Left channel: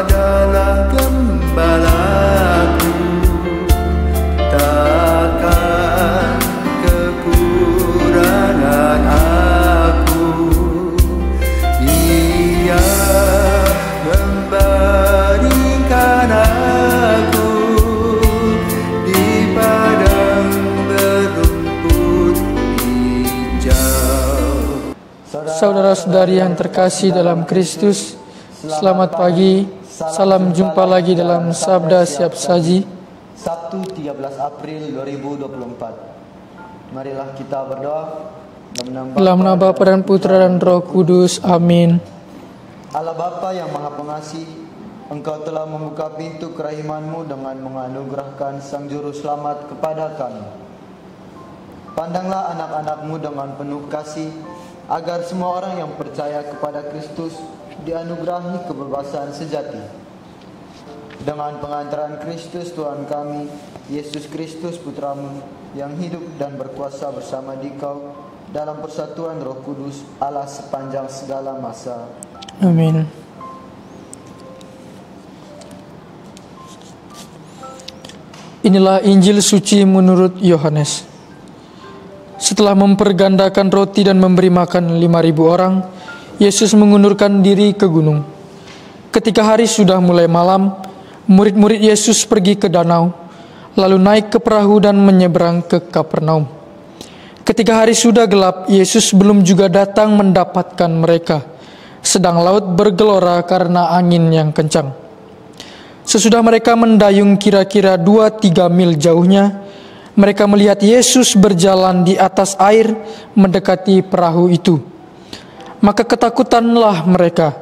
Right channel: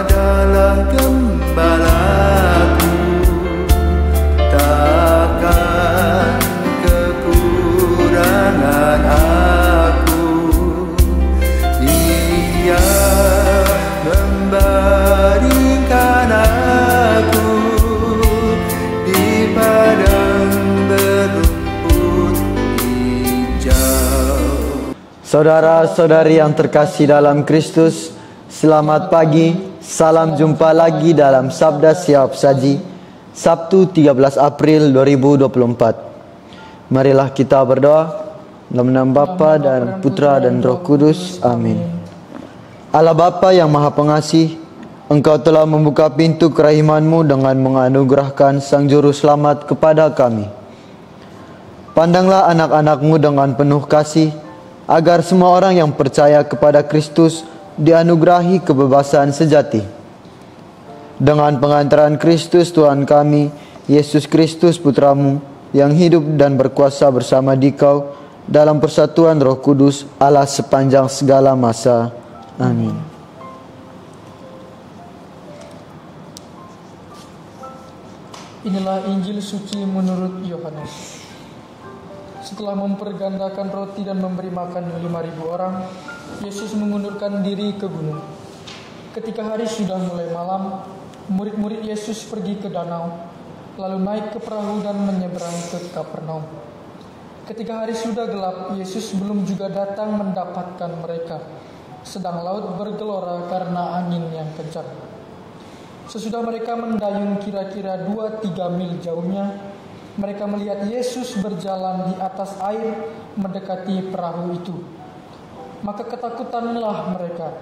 adalah gembalaku, takkan kekurangan aku. Ia membaringkan aku di padang berumput hijau. Saudara-saudari yang terkasih dalam Kristus, selamat pagi, salam jumpa lagi dalam Sabda Siap Saji, Sabtu 13 April 2024. Marilah kita berdoa. Dalam nama Bapa dan Putra dan Roh Kudus. Amin. Allah Bapa yang Maha Pengasih, Engkau telah membuka pintu kerahiman-Mu dengan menganugerahkan Sang Juru Selamat kepada kami. Pandanglah anak-anak-Mu dengan penuh kasih, agar semua orang yang percaya kepada Kristus dianugerahi kebebasan sejati. Dengan pengantaran Kristus Tuhan kami, Yesus Kristus Putra-Mu, yang hidup dan berkuasa bersama Dikau dalam persatuan Roh Kudus, Allah sepanjang segala masa. Amin. Inilah Injil suci menurut Yohanes. Setelah mempergandakan roti dan memberi makan 5.000 orang, Yesus mengundurkan diri ke gunung. Ketika hari sudah mulai malam, murid-murid Yesus pergi ke danau, lalu naik ke perahu dan menyeberang ke Kapernaum. Ketika hari sudah gelap, Yesus belum juga datang mendapatkan mereka, sedang laut bergelora karena angin yang kencang. Sesudah mereka mendayung kira-kira 2-3 mil jauhnya, mereka melihat Yesus berjalan di atas air mendekati perahu itu. Maka ketakutanlah mereka.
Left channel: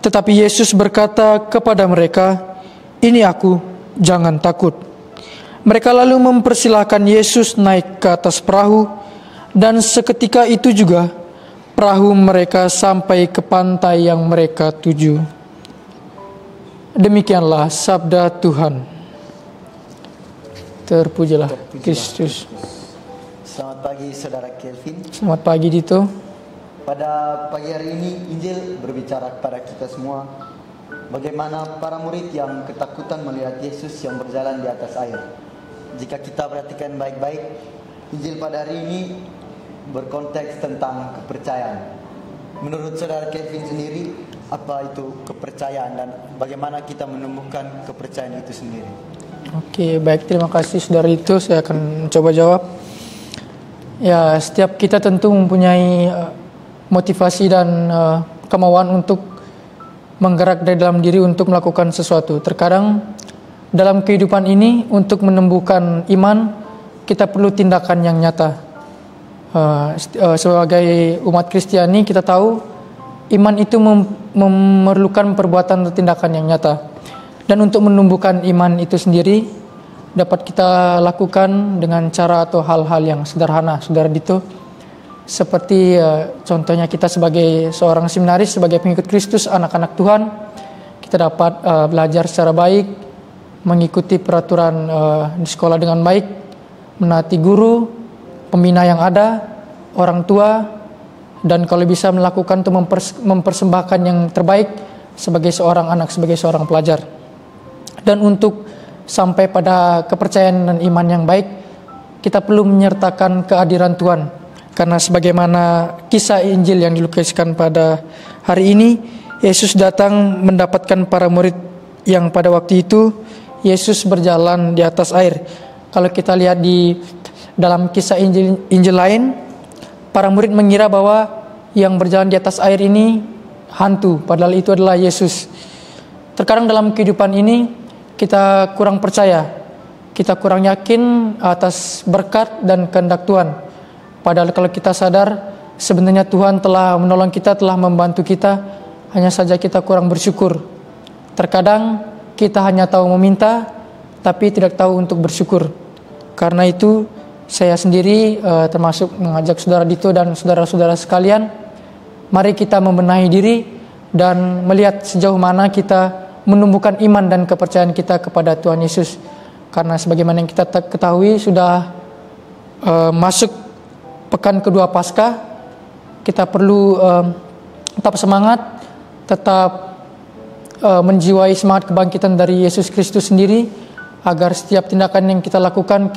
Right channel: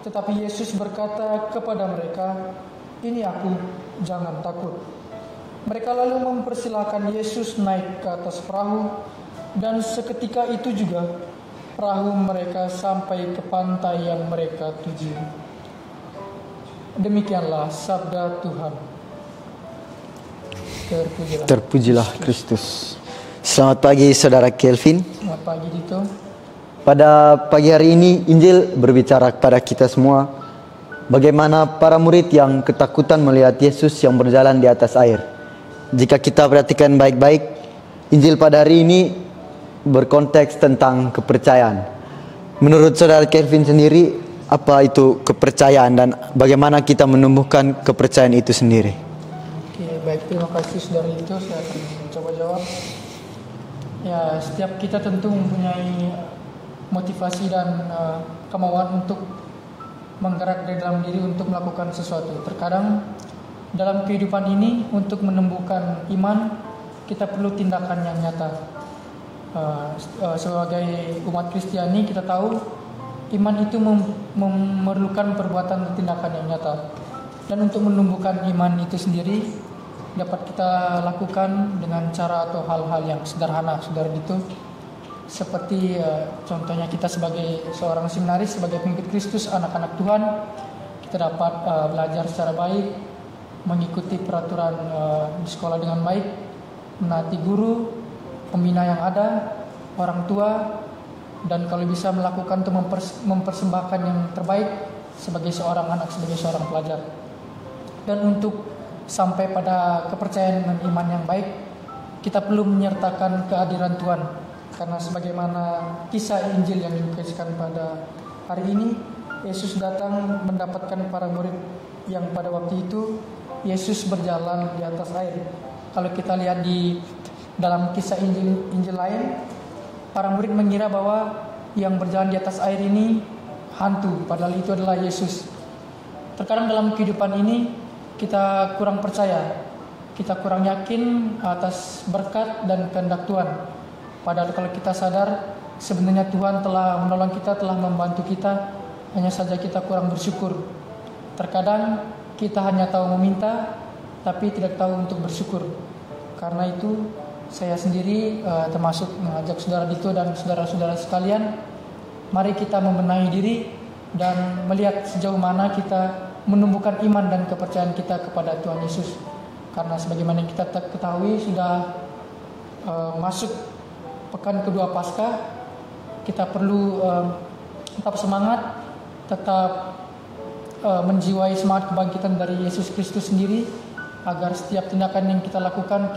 Tetapi Yesus berkata kepada mereka, "Ini aku, jangan takut." Mereka lalu mempersilahkan Yesus naik ke atas perahu, dan seketika itu juga perahu mereka sampai ke pantai yang mereka tuju. Demikianlah sabda Tuhan. Terpujilah Kristus. Selamat pagi saudara Kelvin. Selamat pagi Dito. Pada pagi hari ini Injil berbicara kepada kita semua bagaimana para murid yang ketakutan melihat Yesus yang berjalan di atas air. Jika kita perhatikan baik-baik, Injil pada hari ini berkonteks tentang kepercayaan. Menurut saudara Kelvin sendiri, apa itu kepercayaan dan bagaimana kita menumbuhkan kepercayaan itu sendiri? Oke, baik, terima kasih saudara itu. Saya akan coba jawab. Ya, setiap kita tentu mempunyai motivasi dan kemauan untuk menggerak dari dalam diri untuk melakukan sesuatu. Terkadang dalam kehidupan ini untuk menumbuhkan iman, kita perlu tindakan yang nyata. Sebagai umat Kristiani kita tahu iman itu memerlukan perbuatan atau tindakan yang nyata. Dan untuk menumbuhkan iman itu sendiri dapat kita lakukan dengan cara atau hal-hal yang sederhana, saudara Dito. Seperti contohnya kita sebagai seorang seminaris, sebagai pengikut Kristus, anak-anak Tuhan, kita dapat belajar secara baik, mengikuti peraturan di sekolah dengan baik, menaati guru, pembina yang ada, orang tua, dan kalau bisa melakukan untuk mempersembahkan yang terbaik sebagai seorang anak, sebagai seorang pelajar. Dan untuk sampai pada kepercayaan dan iman yang baik, kita perlu menyertakan kehadiran Tuhan. Karena sebagaimana kisah Injil yang dilukiskan pada hari ini, Yesus datang mendapatkan para murid yang pada waktu itu Yesus berjalan di atas air. Kalau kita lihat di dalam kisah Injil lain, para murid mengira bahwa yang berjalan di atas air ini hantu, padahal itu adalah Yesus. Terkadang dalam kehidupan ini kita kurang percaya, kita kurang yakin atas berkat dan kehendak Tuhan. Padahal kalau kita sadar sebenarnya Tuhan telah menolong kita, telah membantu kita, hanya saja kita kurang bersyukur. Terkadang kita hanya tahu meminta, tapi tidak tahu untuk bersyukur. Karena itu saya sendiri termasuk mengajak saudara Dito dan saudara-saudara sekalian, mari kita membenahi diri dan melihat sejauh mana kita menumbuhkan iman dan kepercayaan kita kepada Tuhan Yesus. Karena sebagaimana yang kita ketahui sudah masuk pekan kedua Paskah, kita perlu tetap semangat, tetap menjiwai semangat kebangkitan dari Yesus Kristus sendiri, agar setiap tindakan yang kita lakukan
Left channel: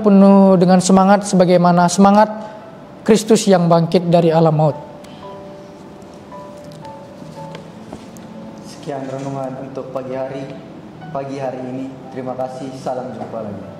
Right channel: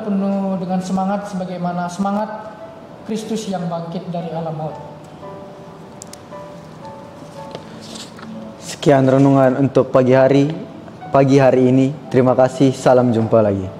penuh dengan semangat sebagaimana semangat Kristus yang bangkit dari alam maut. Sekian renungan untuk pagi hari ini. Terima kasih, salam jumpa lagi.